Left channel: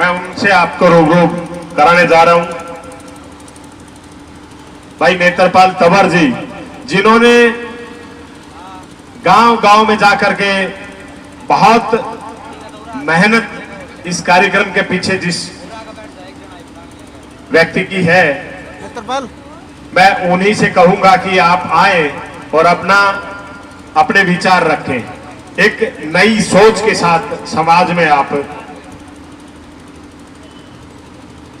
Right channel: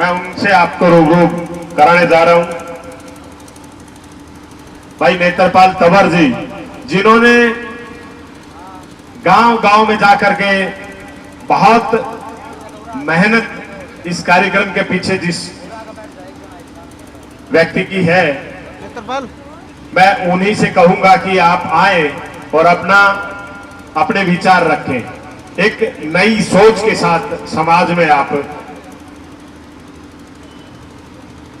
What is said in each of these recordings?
मैं उनसे आपको रूबरू कराने जा रहा हूं। भाई नेत्रपाल तंवर जी, जिन्होंने गांव-गांव में जाकर के बहुत मेहनत इस कार्यक्रम के पीछे जिस व्यक्ति की है, मैं उन्हीं से कहूंगा कि आप आए और अपने विचार रखें। एक नई सोच के साथ समाज में आप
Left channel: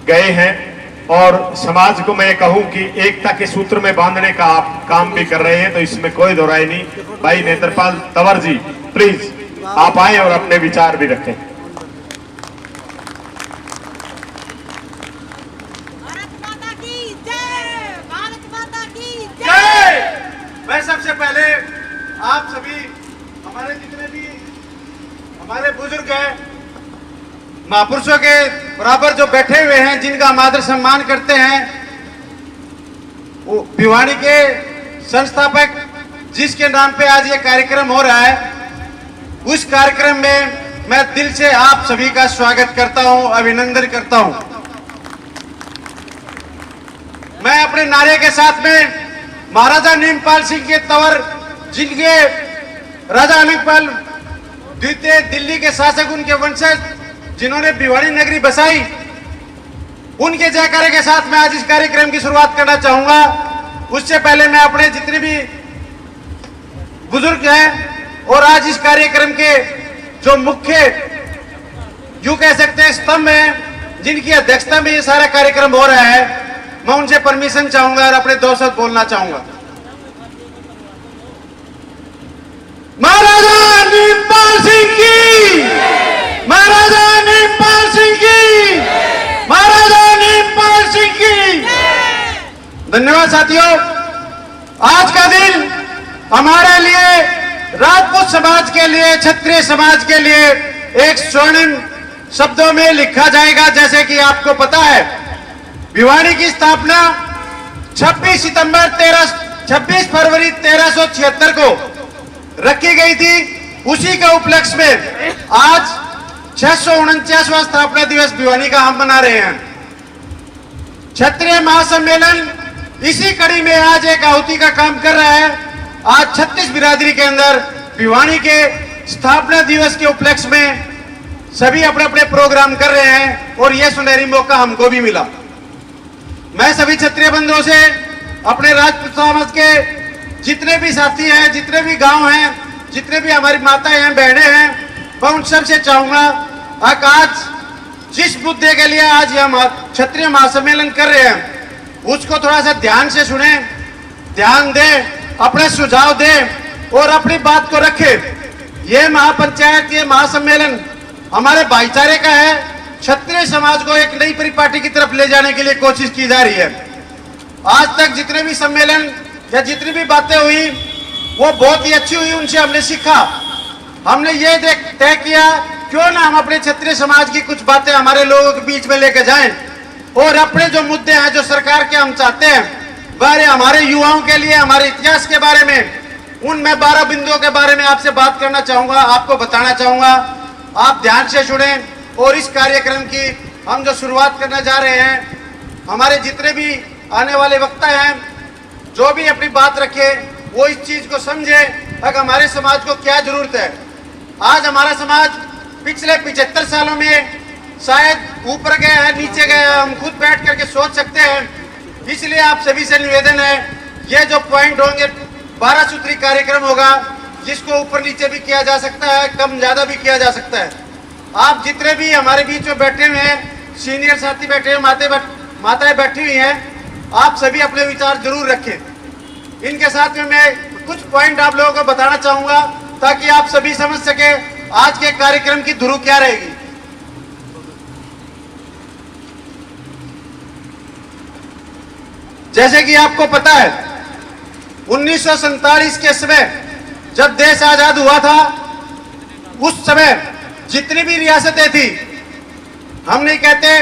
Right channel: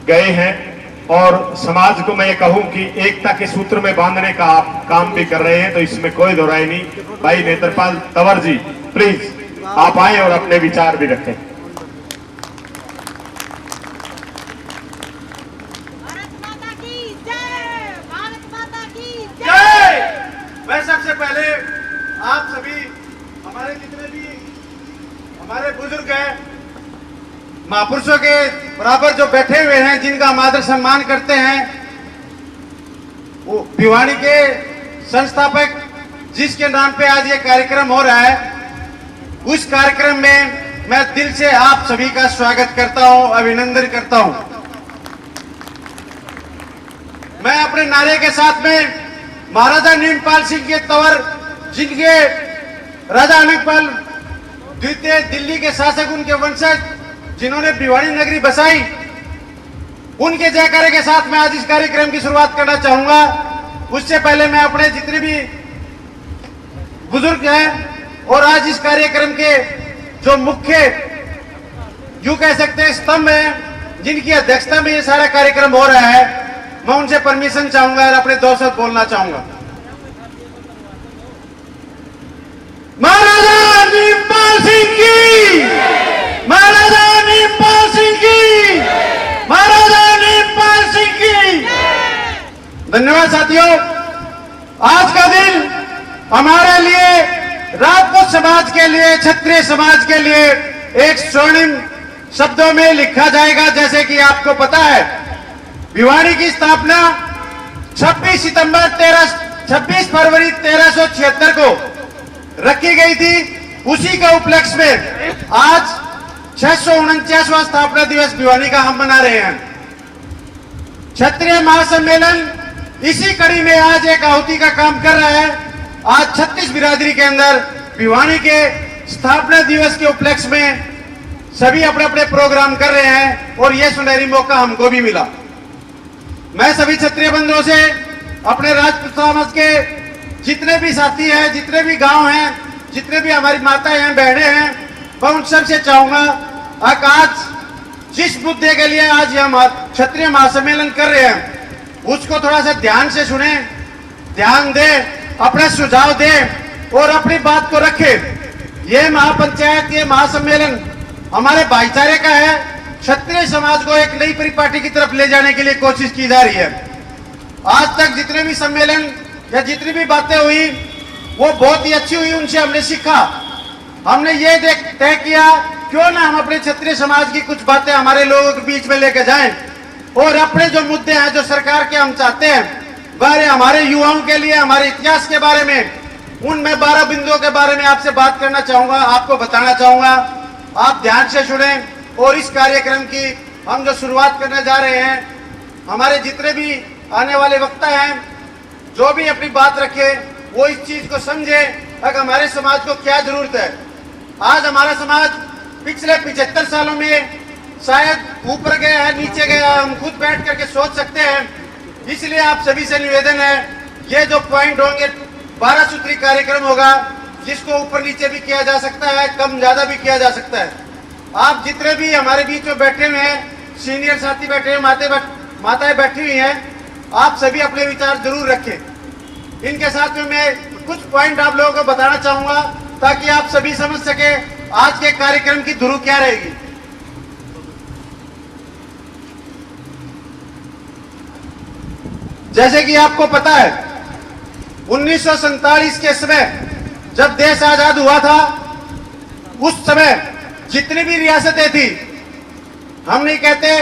गए हैं और समाज को मैं कहूं कि एकता के सूत्र में बांधने का आप काम भी कर रहे हैं, तो इसमें कोई दोहराई नहीं। भाई नेत्रपाल तंवर जी, प्लीज आप आए और अपने विचार भी रखें। मैं सबसे पहले आप सभी हमारे जितने भी हमारे बुजुर्ग हैं, महापुरुषों के बराबर जो बैठे हुए हैं, जिनका हम आदर सम्मान करते हैं, वो भिवानी के संस्थापक जिसके नाम पे आज ये कार्यक्रम हो रहा है, उस कार्यक्रम में मैं दिल से आप सभी का स्वागत करता हूं, अभिनंदन करता हूं। मैं अपने नारे के साथ में महाराजा नीमपाल सिंह के तंवर, जिनके राजा अमिकपाल द्वितीय दिल्ली के शासक, उनके वंशज, जिन्होंने भिवानी नगरी बसाई, उनके जयकारे के साथ मैं आज इस कार्यक्रम की शुरुआत करना चाहूंगा। उससे पहले मैं अपने जितने भी बुजुर्ग हैं और आज इस कार्यक्रम के जो मुख्य यूं कह सकते हैं स्तंभ हैं, जिनकी अध्यक्षता में ये सारा कार्यक्रम हो रहा है, मैं उनसे परमिशन चाहूंगा और अपने दो शब्द बोलना चाहूंगा। महाराजा नीमपाल सिंह की, महाराजा नीमपाल सिंह की, महाराजा नीमपाल सिंह की। धन्यवाद साथियों। आज का दिन हमारे लिए, राजपूत समाज के लिए, क्षत्रिय समाज के लिए एक स्वर्णिम शब्दों में लिखा जाएगा। जैसे कि आपको पता है, भिवानी की स्थापना 26 फरवरी 1376 को रखी गई थी। उसी के उपलक्ष्य में आज 649वां स्थापना दिवस भिवानी का हम मना रहे हैं। क्षत्रिय महासम्मेलन इसी कड़ी में आज एक आहुति का काम कर रहा है। आज 36 बिरादरी के अंदर भिवानी के स्थापना दिवस के उपलक्ष्य में सभी अपने अपने प्रोग्राम कर रहे हैं और यह सुनहरी मौका हमको भी मिला। मैं सभी क्षत्रिय बंधुओं से, अपने राजपूत समाज के जितने भी साथी हैं, जितने भी गांव हैं, जितने भी हमारी माताएं हैं, बहनें हैं, मैं उन सबसे चाहूंगा आज जिस मुद्दे के लिए आज हम क्षत्रिय महासम्मेलन कर रहे हैं, उसको थोड़ा सा ध्यान से सुने, ध्यान दें, अपने सुझाव दें और अपनी बात को रखें। ये महापंचायत, ये महासम्मेलन हमारे भाईचारे का है। क्षत्रिय समाज को एक नई परिपाटी की तरफ ले जाने के लिए कोशिश की जा रही है। आज तक जितने भी सम्मेलन या जितनी भी बातें हुई वो बहुत ही अच्छी हुई, उनसे हमने सीखा। हमने ये तय किया क्यों ना हम अपने क्षत्रिय समाज की कुछ बातें हमारे लोगों के बीच में लेकर जाएं और अपने जो मुद्दे हैं, जो सरकार के हम चाहते हैं, वह हमारे युवाओं के लिए, हमारे इतिहास के बारे में, उनमें 12 बिंदुओं के बारे में आपसे बात करना चाहूंगा, आपको बताना चाहूंगा। आप ध्यान से सुने और इस कार्यक्रम की हम जो शुरुआत करने जा रहे हैं, हमारे जितने भी आने वाले वक्ता हैं, जो भी अपनी बात रखे, वो इस चीज को समझे कि हमारे समाज को क्या जरूरत है। आज हमारा समाज पिछले 75 सालों में शायद ऊपर गया है, नीचे गया है, हम खुद बैठ करके सोच सकते हैं। इसलिए आप सभी से निवेदन है, ये जो पॉइंट होंगे, 12 सूत्री कार्यक्रम होगा, जिसको ऊपर नीचे भी किया जा सकता है, कम ज्यादा भी किया जा सकता है। आप जितने भी हमारे बीच में बैठे हुए हैं, सीनियर साथी बैठे हुए, माताएं बैठी हुई हैं, आप सभी अपने विचार जरूर रखें। इनके साथ में मैं कुछ पॉइंट आप लोगों को बताना चाहूंगा ताकि आप सभी समझ सके आज के कार्यक्रम की धुरी क्या रहेगी। जैसे कि आपको पता है, 1947 के समय जब देश आजाद हुआ था, उस समय जितनी भी रियासतें थी, हम नहीं कहते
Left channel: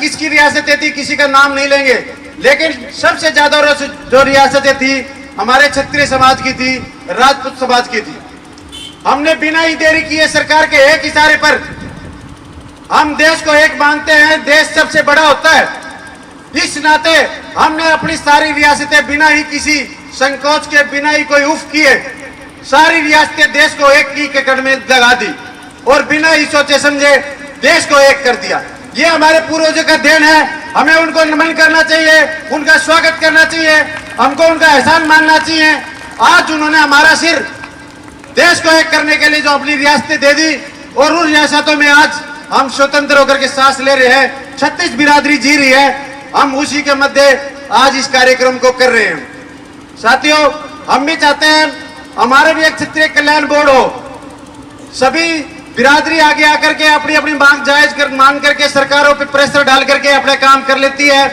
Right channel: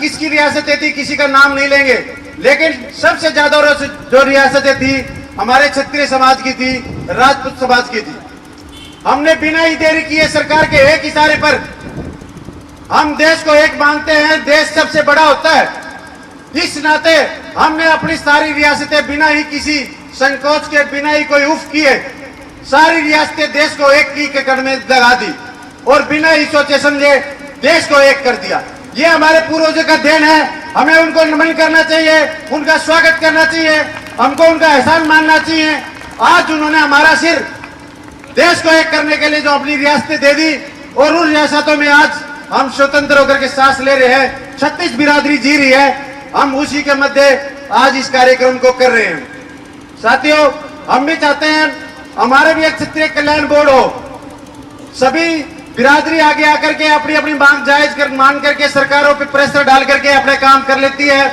किसकी रियासतें थी, किसी का नाम नहीं लेंगे, लेकिन सबसे ज्यादा जो रियासतें थी हमारे क्षत्रिय समाज की थी, राजपूत समाज की थी। हमने बिना ही देरी किए सरकार के एक इशारे पर हम देश को एक मानते हैं, देश सबसे बड़ा होता है। इस नाते हमने अपनी सारी रियासतें बिना ही किसी संकोच के, बिना ही कोई उफ किए, सारी रियासतें देश को एक की कड़ में लगा दी और बिना ही सोचे समझे देश को एक कर दिया। ये हमारे पूर्वजों का देन है, हमें उनको नमन करना चाहिए, उनका स्वागत करना चाहिए, हमको उनका एहसान मानना चाहिए। आज उन्होंने हमारा सिर देश को एक करने के लिए जो अपनी रियासतें दे दी और उन रियासतों में आज हम स्वतंत्र होकर के सांस ले रहे हैं, 36 बिरादरी जी रही है, हम उसी के मध्य आज इस कार्यक्रम को कर रहे हैं। साथियों, हम भी चाहते हैं हमारे भी एक क्षत्रिय कल्याण बोर्ड हो, सभी बिरादरी आगे आकर के अपनी अपनी मांग जायज कर मान करके सरकारों पे प्रेशर डाल करके अपने काम कर लेती है।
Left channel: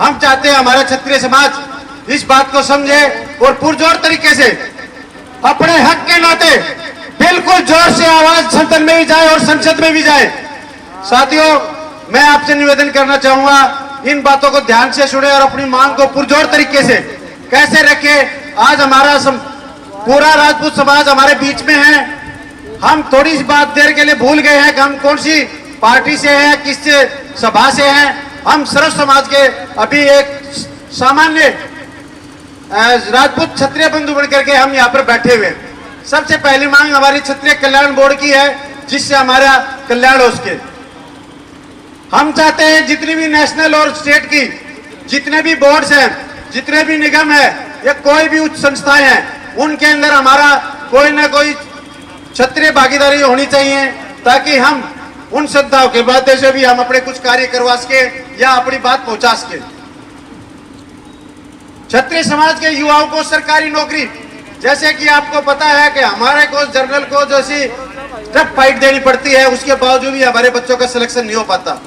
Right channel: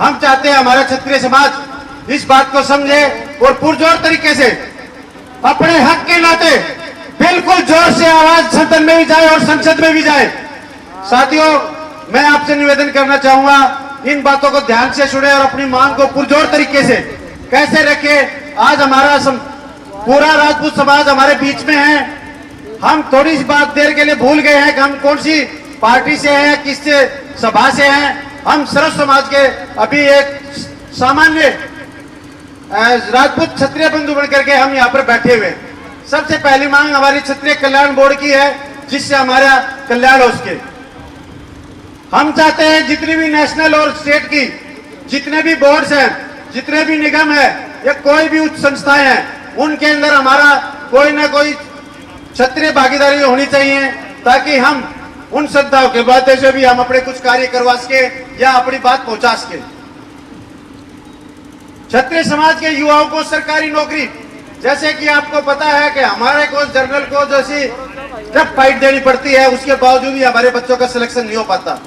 हम चाहते हैं हमारा क्षत्रिय समाज इस बात को समझे और पुरजोर तरीके से अपने हक के नाते बिल्कुल जोर से आवाज सदन में भी जाए और संसद में भी जाए। साथियों, मैं आपसे निवेदन करना चाहूंगा, इन बातों को ध्यान से सुने और अपनी मांग को पुरजोर तरीके से कैसे रखे। आज हमारा पूरा राजपूत समाज हमारे बीच में है। हम थोड़ी सी बात देर के लिए भूल गए हैं कि हम कौन सी पार्टी से हैं, किस सभा से हैं। हम सर्व समाज के अभी एक सामान्य राजपूत क्षत्रिय बंधु बनकर के हम यहाँ पर बैठे हुए हैं। सबसे पहली मांग हमारी क्षत्रिय कल्याण बोर्ड की है, जिससे हमारा कल्याण हो सके। हम चाहते हैं जितनी भी नेशनल और स्टेट की जितने भी बोर्ड्स हैं, जितने भी निगम है या कोई भी उच्च संस्थाएं हैं, उनके अंदर हमारा कोई ना कोई क्षत्रिय भागीदारी होनी चाहिए, ताकि हम उन संस्थाओं के माध्यम से भी हम अपने कुछ कार्य करवा सके या अपनी बात पहुंचा सके। क्षत्रिय समाज के युवाओं को सरकारी नौकरी, जैसे कि आपको पता है कि हमारे को जनरल को जैसी टफ फाइट देनी पड़ती है, उसके बावजूद भी हमारे बच्चों का सिलेक्शन नहीं हो पाता।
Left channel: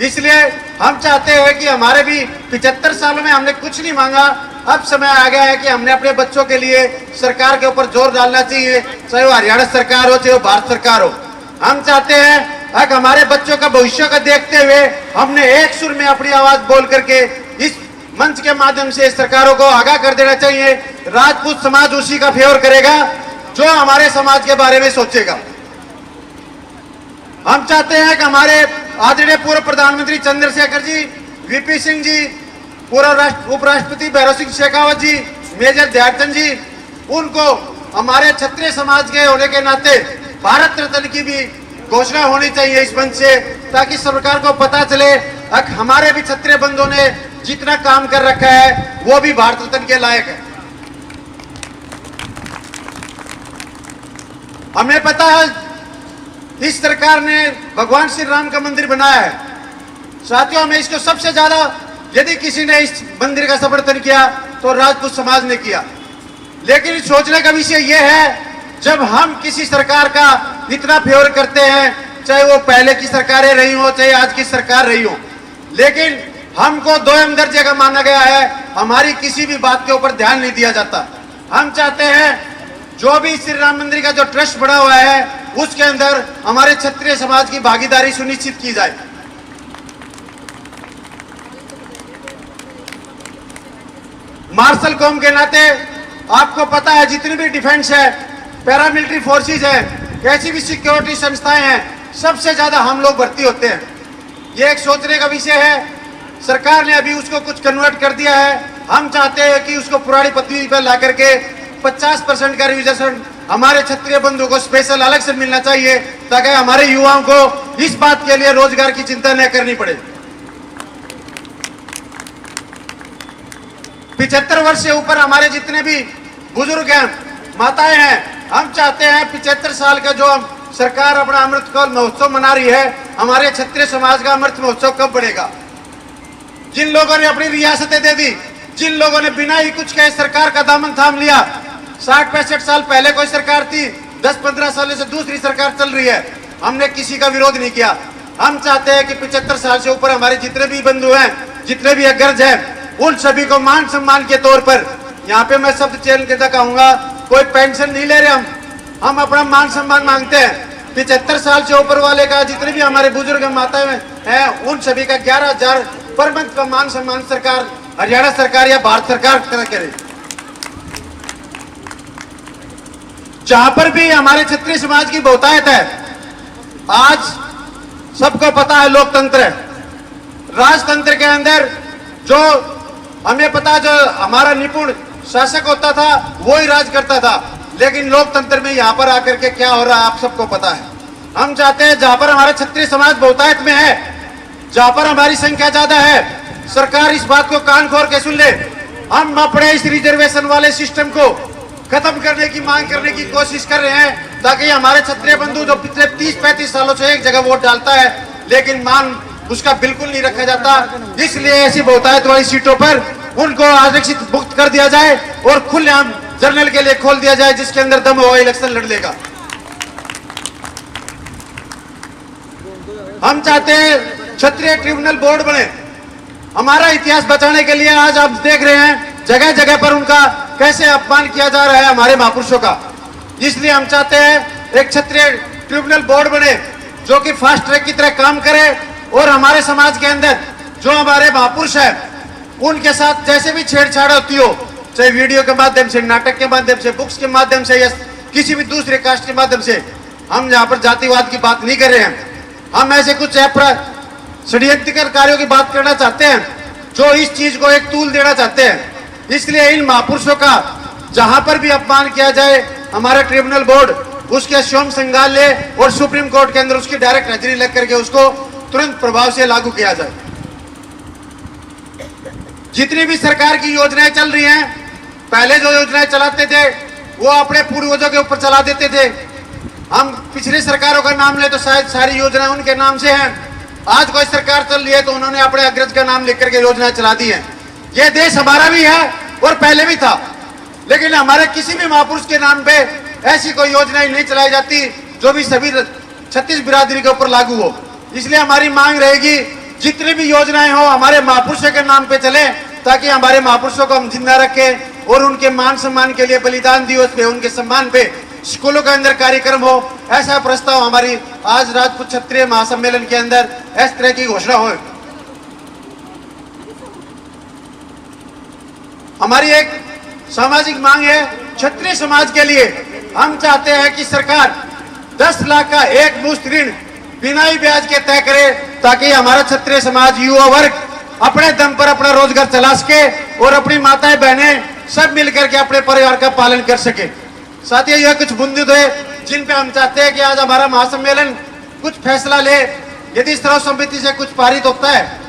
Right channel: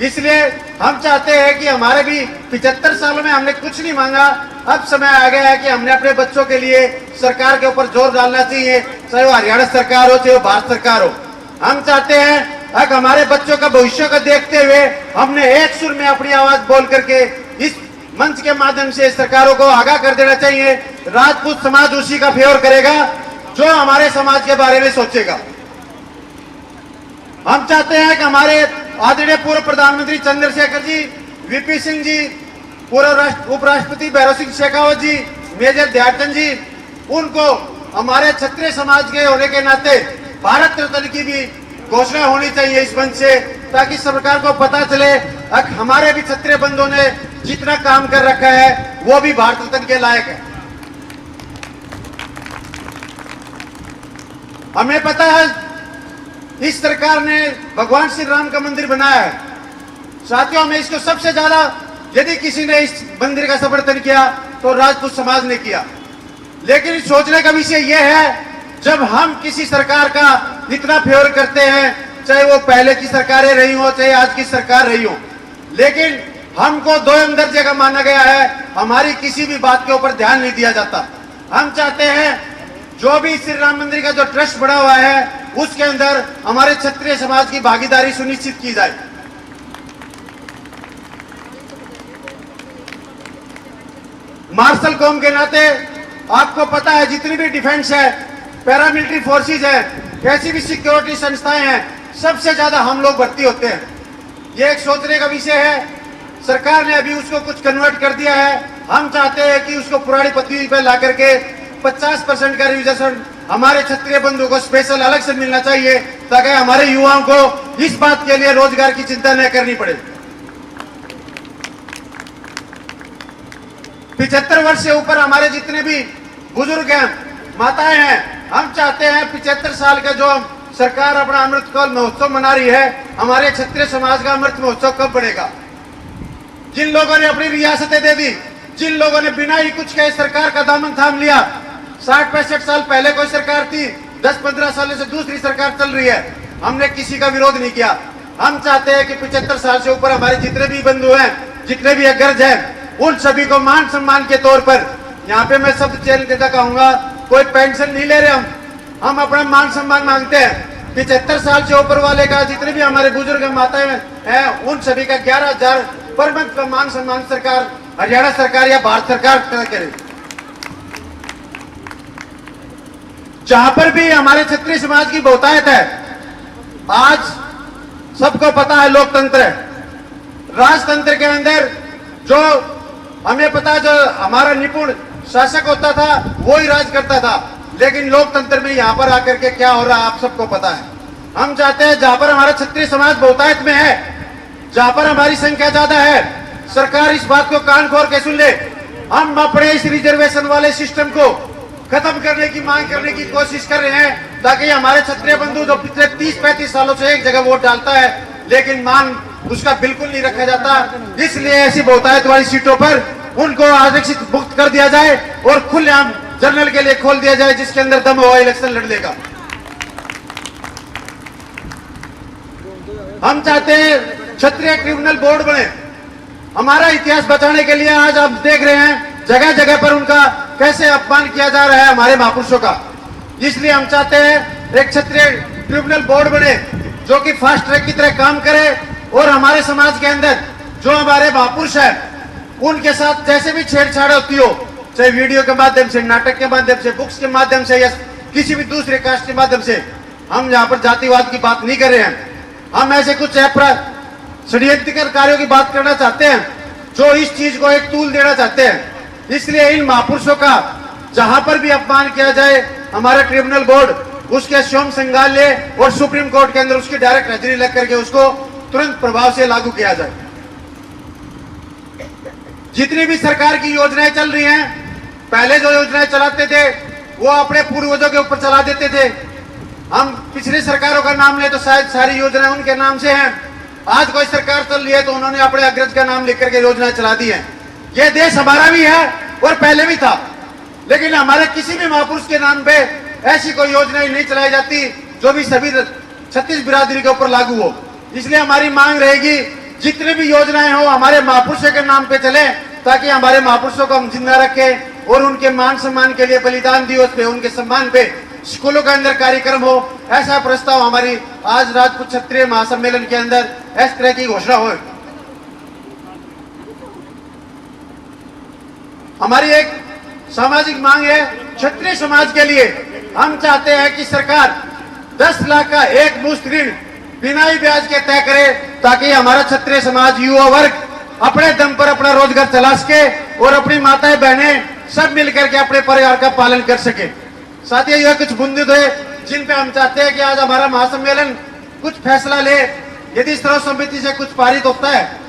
इसलिए हम चाहते हैं कि हमारे भी 75 सालों में हमने कुछ नहीं मांगा, अब समय आ गया है कि हमने अपने बच्चों के लिए सरकार के ऊपर जोर डालना चाहिए, चाहे वो हरियाणा सरकार हो चाहे वो भारत सरकार हो। हम चाहते हैं कि हमारे बच्चों का भविष्य को देखते हुए हमने एक सुर में अपनी आवाज बोल करके इस मंच के माध्यम से सरकारों को आगाह कर देना चाहिए। राजपूत समाज उसी का फेवर करेगा जो हमारे समाज के बारे में सोचेगा। हम चाहते हैं कि हमारे आदरणीय पूर्व प्रधानमंत्री चंद्रशेखर जी, वीपी सिंह जी, पूर्व उपराष्ट्रपति भैरव सिंह शेखावत जी, मेजर ध्यानचंद जी, उनको हमारे क्षत्रिय समाज के होने के नाते भारत रत्न की भी घोषणा होनी चाहिए इस मंच से, ताकि सरकार को पता चले हमारे भी क्षत्रिय बंधुओं ने जितना काम कर रखा है वो भी भारत रत्न के लायक है। हमें पता है इस सरकार ने भगवान श्री राम का मंदिर बनाया है। साथियों, हमें इसको सबसे ज्यादा यदि किसी ने इस मंदिर का समर्थन किया तो राजपूत समाज ने किया। लेकिन सोचने का विषय यह है, जब हम किसी सरकार का इतना फेवर करते हैं, चाहे वो पहले की सरकारें रही हो चाहे आज की सरकार रही हो, लेकिन हमको दोयम दर्जे का माना गया है, हमारी किसी भी बात के ऊपर ध्यान नहीं दिया जाता। हम चाहते हैं जो भी श्री राम मंदिर का जो ट्रस्ट बना हुआ है उसके अंदर हमारे क्षत्रिय समाज की भागीदारी सुनिश्चित की जाए। मार्शल कौम के नाते आपको पता है जितनी भी डिफेंस है, पैरामिलिट्री फोर्सेस है, कैसी भी सिक्योरिटी संस्थाएं हैं, सबसे ज्यादा हम लोग भर्ती होते हैं। ये एक सोचने का विषय है। सरकार ने अभी उसको कुछ कन्वर्ट कर दिया है। हम चाहते हैं कि उसको पुरानी पद्धति पर ला करके 50% का रिजर्वेशन हमारे क्षत्रिय बंधु को स्पेशल अलग से मिलना चाहिए, ताकि हमारे युवाओं को इस बात के लिए रोजगार की चिंता न करनी पड़े। 75 वर्ष से ऊपर हमारे जितने भी बुजुर्ग हैं, माताएं हैं, हम चाहते हैं 75 साल का जो सरकार अपना अमृतकाल महोत्सव मना रही है, हमारे क्षत्रिय समाज का अमृत महोत्सव कब बढ़ेगा? जिन लोगों ने अपनी रियासतें दे दी, जिन लोगों ने बिना ही कुछ कहे सरकार का दामन थाम लिया, 60-65 साल पहले कोई सरकार थी, 10-15 सालों से दूसरी सरकार चल रही है, हमने किसी का विरोध नहीं किया। हम चाहते हैं कि 75 साल से ऊपर हमारे जितने भी बंधु हैं, जितने भी अग्रज हैं, उन सभी को मान सम्मान के तौर पर, यहाँ पे मैं शब्द चयन करता कहूंगा, कोई पेंशन नहीं ले रहे हम अपना मान सम्मान मांगते हैं। 75 साल से ऊपर वाले का जितने भी हमारे बुजुर्ग माताएं हैं, उन सभी का 11,000 पर मंथ का मान सम्मान सरकार, हरियाणा सरकार या भारत सरकार करे। जहां पर भी हमारे क्षत्रिय समाज की बहुतायत है, आज सबको पता है लोकतंत्र है। राजतंत्र के अंदर जो हमें पता, जो हमारा निपुण शासक होता था वो ही राज करता था, लेकिन लोकतंत्र में यहाँ पर आकर के क्या हो रहा है आप सबको पता है। हम चाहते हैं जहां पर हमारा क्षत्रिय समाज बहुतायत में है, जहां पर हमारी संख्या ज्यादा है, सरकार इस बात को कान खोल के सुन ले। हम अपने इस रिजर्वेशन वाले सिस्टम को खत्म करने की मांग करने की कोशिश कर रहे हैं, ताकि हमारे क्षत्रिय बंधु जो पिछले 30-35 सालों से एक जगह वोट डालता है लेकिन मांग उसका बिल्कुल नहीं रखा जाता, इसलिए ऐसी बहुतायत वाली सीटों पर उनको आरक्षित मुक्त कर दिया जाए और खुलेआम जनरल के लिए खोल दिया जाए, जिसके अंदर दम हुआ इलेक्शन लड़ लेगा। हम चाहते हैं क्षत्रिय ट्रिब्यूनल बोर्ड बने। हमारा इतिहास बचाने के लिए आज आप देख रहे हैं जगह जगह पर उनका कैसे अपमान किया जा रहा है हमारे महापुरुषों का। इसलिए हम चाहते हैं एक क्षत्रिय ट्रिब्यूनल बोर्ड बने जो कि फास्ट ट्रैक की तरह काम करे और हमारे समाज के अंदर जो हमारे महापुरुष है उनके साथ जैसे भी छेड़छाड़ होती हो, चाहे वीडियो के माध्यम से, नाटक के माध्यम से, बुक्स के माध्यम से या किसी भी दूसरे कास्ट के माध्यम से, हम यहाँ पर जातिवाद की बात नहीं कर रहे हैं। हम ऐसे कुछ षड्यंत्र कार्यों की बात करना चाहते हैं जो इस चीज को एक तूल देना चाहते हैं। इसलिए इन महापुरुषों का जहां पर भी अपमान किया जाए, हमारा ट्रिब्यूनल बोर्ड उसके स्वयं संज्ञान ले और सुप्रीम कोर्ट के अंदर उसकी डायरेक्ट हाजिरी लग करके उसको तुरंत प्रभाव से लागू किया जाए। जितनी भी सरकार की योजनाएं चल रही हैं, पहले जो योजनाएं चलाते थे वो अपने पूर्वजों के ऊपर चला देते थे। हम पिछली सरकारों का नाम ले तो शायद सारी योजनाएं उनके नाम से हैं। आज कोई सरकार चल रही है तो उन्होंने अपने अग्रज का नाम लिख करके योजनाएं चला दी हैं। ये देश हमारा भी है और पहले भी था, लेकिन हमारे किसी भी महापुरुष के नाम पे ऐसी कोई योजनाएं नहीं चलाई जाती जो भी सभी 36 बिरादरी के ऊपर लागू हो। इसलिए हमारी मांग रहेगी जितनी भी योजनाएं हो हमारे महापुरुषों के नाम पे चले, ताकि हमारे महापुरुषों को हम जिंदा रखें और उनके मान सम्मान के लिए बलिदान दिवस पे उनके सम्मान पे स्कूलों के अंदर कार्यक्रम हो। ऐसा प्रस्ताव हमारी आज राजपूत क्षत्रिय महासम्मेलन के अंदर इस तरह की घोषणा हो। हमारी एक सामाजिक मांग है क्षत्रिय समाज के लिए। हम चाहते हैं कि सरकार 10 लाख का एक मुश्त ऋण बिना ही ब्याज के तय करे, ताकि हमारा क्षत्रिय समाज युवा वर्ग अपने दम पर अपना रोजगार चला सके और अपनी माताएं बहनें सब मिलकर के अपने परिवार का पालन कर सके। साथियों, यह कुछ बुंदे थे जिन पे हम चाहते हैं कि आज हमारा महासम्मेलन कुछ फैसला ले। यदि सर्व समिति से कुछ पारित होता है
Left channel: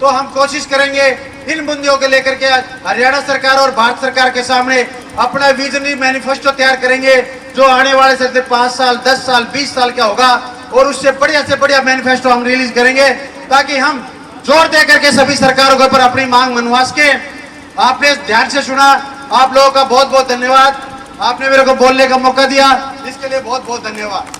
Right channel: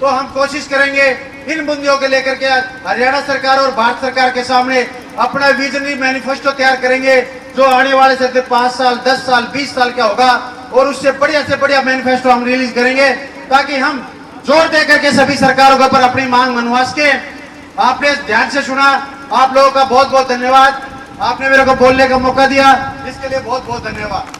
तो हम कोशिश करेंगे इन मुद्दों को लेकर के हरियाणा सरकार और भारत सरकार के सामने अपना विजनरी मैनिफेस्टो तैयार करेंगे, जो आने वाले से 5 साल, 10 साल, 20 साल का होगा, और उससे बढ़िया से बढ़िया मैनिफेस्टो हम रिलीज करेंगे, ताकि हम जोर दे करके सभी सरकारों के ऊपर अपनी मांग मनवा सके। आपने ध्यान से सुना, आप लोगों का बहुत बहुत धन्यवाद। आपने मेरे को बोलने का मौका दिया, इसके लिए बहुत बहुत धन्यवाद।